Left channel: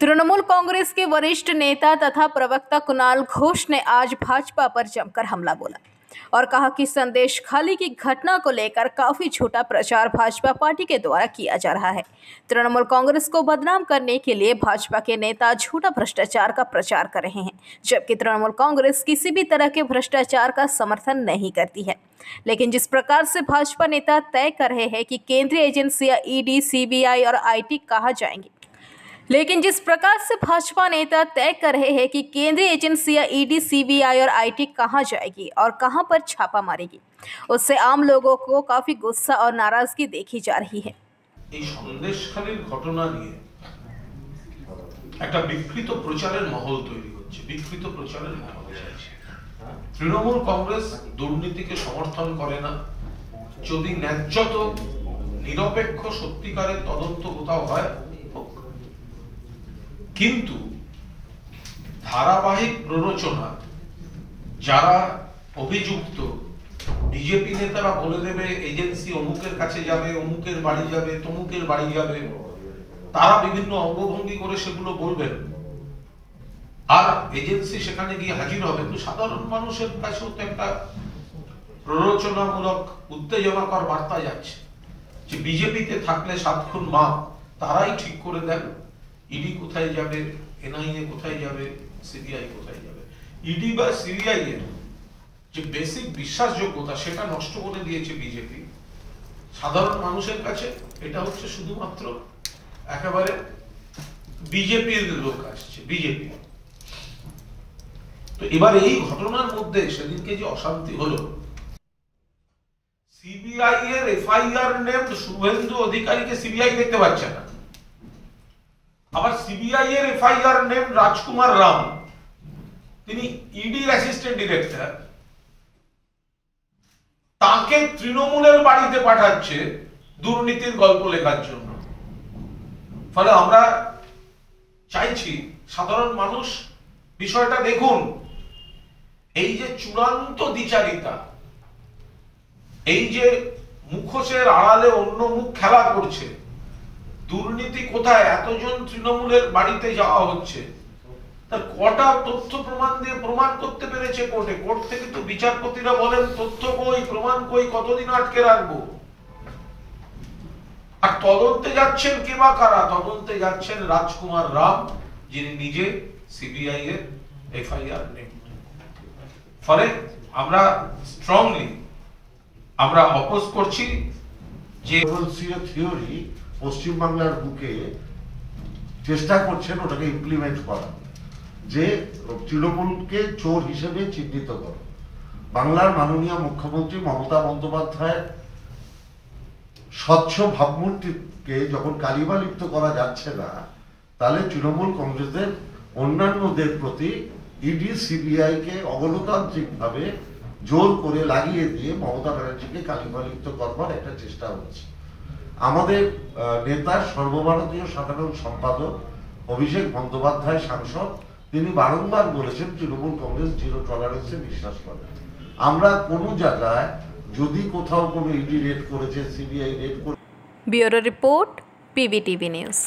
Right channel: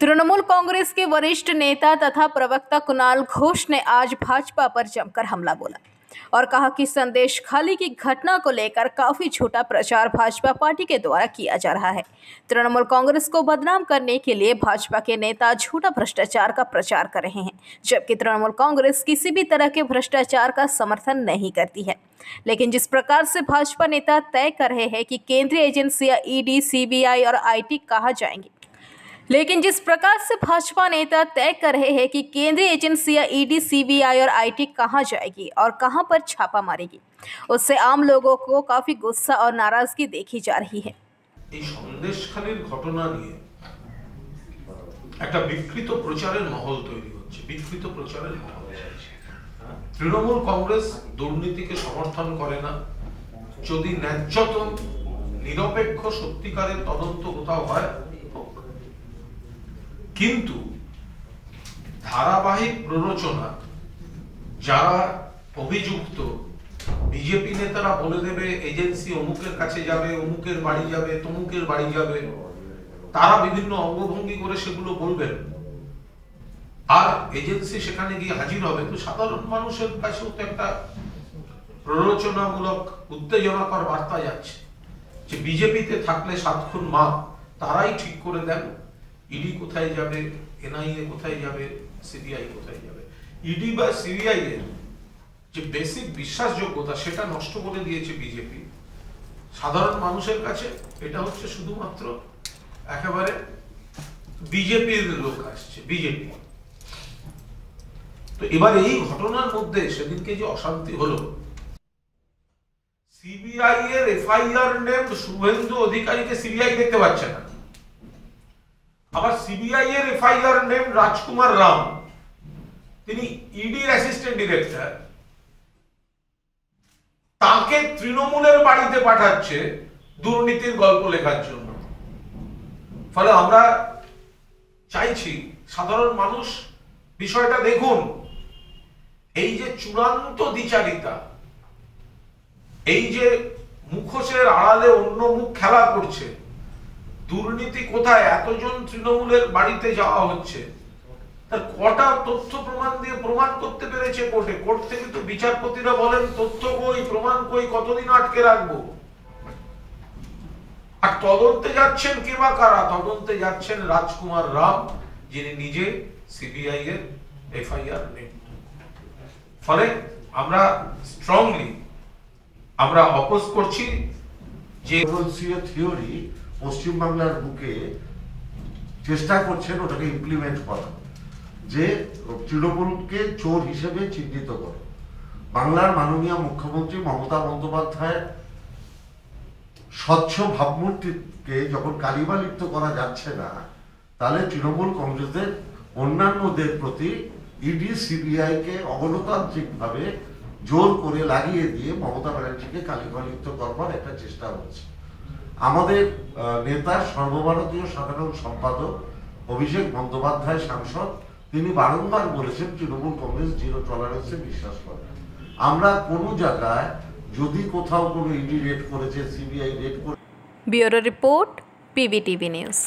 तृणमूल कांग्रेस के वरिष्ठ नेता तथा प्रवक्ता कुणाल घोष ने आज भाजपा पर जमकर हमला बोला और कहा कि संदेश खाली की घटना को लेकर काफी झूठा प्रचार भाजपा पार्टी के द्वारा किया जा रहा है। तृणमूल कांग्रेस को बदनाम करने के लिए भाजपा के नेता झूठा भ्रष्टाचार का प्रचार कर रहे हैं, जबकि तृणमूल कांग्रेस किसी भी तरह के भ्रष्टाचार का समर्थन नहीं करती है। लेकिन जिस प्रकार से भाजपा नेता तय कर रहे हैं कि केंद्रीय एजेंसियां ईडी, सीबीआई और आईटी कहाँ जाएंगी, लेकिन जिस प्रकार से भाजपा नेता तय कर रहे हैं कि केंद्रीय एजेंसियां ईडी, सीबीआई और आईटी कहां जाएगी और कहां पर छापा मारेगी, उससे आम लोगों को काफी गुस्सा और नाराजगी देखी जा रही है। সন্দেশখালীর ঘটনা নিয়ে একটা বিকৃত প্রচারের মহল তৈরি হচ্ছে, বিকৃত প্রচারের মহল চলছে। তৃণমূল কংগ্রেস দুর্নীতিকে সমর্থন করে না। যদি ন্যায্যত নিরপেক্ষ সত্যিকারের তদন্ত কোথাও হয়, কিন্তু ধারাবাহিক প্ররোচনা যারা অভিযুক্ত, বিজেপি নেতারা বলে দেবে এজেন্সি অমুকের কাছে যাবে, অমুকের বাড়ি যাবে, তমুকের বাড়ি যাবে, তারা বিভিন্ন অঙ্গভঙ্গি করে সেগুলো বলবেন আর এজেন্সি সেখানে গিয়ে হাজির হবে। তো সাধারণ মানুষের কাছেও তো একটা প্ররোচনামূলক উত্তেজনাকর বার্তা যাচ্ছে যে বিজেপিতে থাকলে 7 খুন মাপ তারাই ঠিক করে দেন ইডি কোথায় যাবে, এনআইএ কোথায় যাবে, সিবিআই কোথায় যাবে। ইডি বা সিবিআই এর যে বেসিক বিশ্বাসযোগ্যতা সেটা নষ্ট করে দিয়েছে বিজেপি। সাধারণ মানুষের কাছে এটা হচ্ছে শুধুমাত্র একেবারে বিজেপির লোক আসছে, বিজেপি। তো এবার এই ঘটনার মধ্যে সেদিনকে যে অশান্তি হলো, সিবিআই এর এফআইআর নেম শুভেন্দু অধিকারীকে সিবিআই দেখতে পাচ্ছে না। আবার সিবিআই এর এফআইআর নেম রাজকুমার রাম, তিনি ইডির অ্যাসিস্ট্যান্ট ডিরেক্টর, তাকে তৃণমূলের বাড়িতে পাঠাচ্ছে দুর্নীতির গল্প লেখার জন্য। ফলে আমরা চাইছি সাধারণ মানুষ বিষয়টা দেখুন, এই যে চূড়ান্ত দ্বিচারিতা, এই যে মুখোশের আড়ালে অন্য মুখ খেলা করছে, দুর্নীতি কোথায়, এতজন তৃণমূলের বাড়িতে যাওয়া হচ্ছে, তার কটা তথ্য প্রমাণ দিয়ে প্রমাণ করতে পেরেছে কোর্টে। কোর্ট থেকে তো বিচারপতিরা বলেন তথ্য কই, প্রমাণ কই, কতদিন আটকে রাখবো। আর তদন্তে যাচ্ছেন কে বা কারা? তদন্তে যাচ্ছেন রাজকুমার রাম, যিনি নিজে সিবিআই এর এফআইআর নেন। ফলে আমরা স্ট্রংলি আমরা অপোজ করছি যে থিওরি পশ্চিমবাংলার বুকে চেষ্টা করছেন ওটাকে ইমপ্লিমেন্ট করা, যে তৃণমূলকে চোর হিসেবে চিহ্নিত করে। বাংলার মাননীয় মুখ্যমন্ত্রী মমতা বন্দ্যোপাধ্যায়ের স্বচ্ছ ভাবমূর্তিকে যখন কালিমা লিপ্ত করা যাচ্ছে না, তাহলে তৃণমূল কংগ্রেসের অন্যান্যদের প্রতি ইডি, সিবিআই কে অগণতান্ত্রিক ভাবে জোর করে লাগিয়ে দিয়ে মমতা ব্যানার্জিকে কালিমা লিপ্ত করবার একটা চেষ্টা হচ্ছে। আমাদের নেতা, সর্বভারতীয় সাধারণ সম্পাদক অভিষেক বন্দ্যোপাধ্যায় সাংসদ, তিনি বারংবার বলেছেন তৃণমূল কংগ্রেস জিরো টলারেন্সে বিশ্বাস করে। আমরা কোনো জায়গায় যদি কোথাও কোনো ইডি রেড করেছে, সিবিআই রেড করে। Bureau report, PBTV news.